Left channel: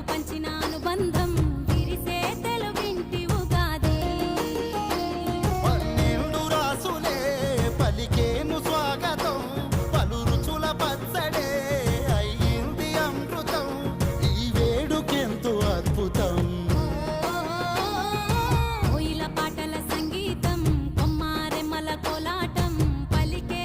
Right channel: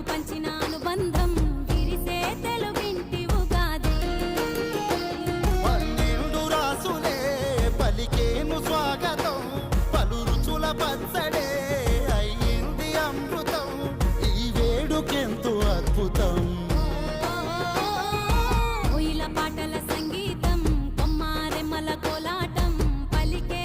పాటలు పంచిన అనుబంధం విరిసే తెలుగింటి ఉగాది. 12 రాసులే పలికేను స్వాగతం, పలు రుచుల పచ్చడే అయ్యింది అమృతం. ఈ వేడుకెంతో అద్భుతం. కోయిల పాటల సంగీతం, కొమ్మారెమ్మల కోలాటం పలికే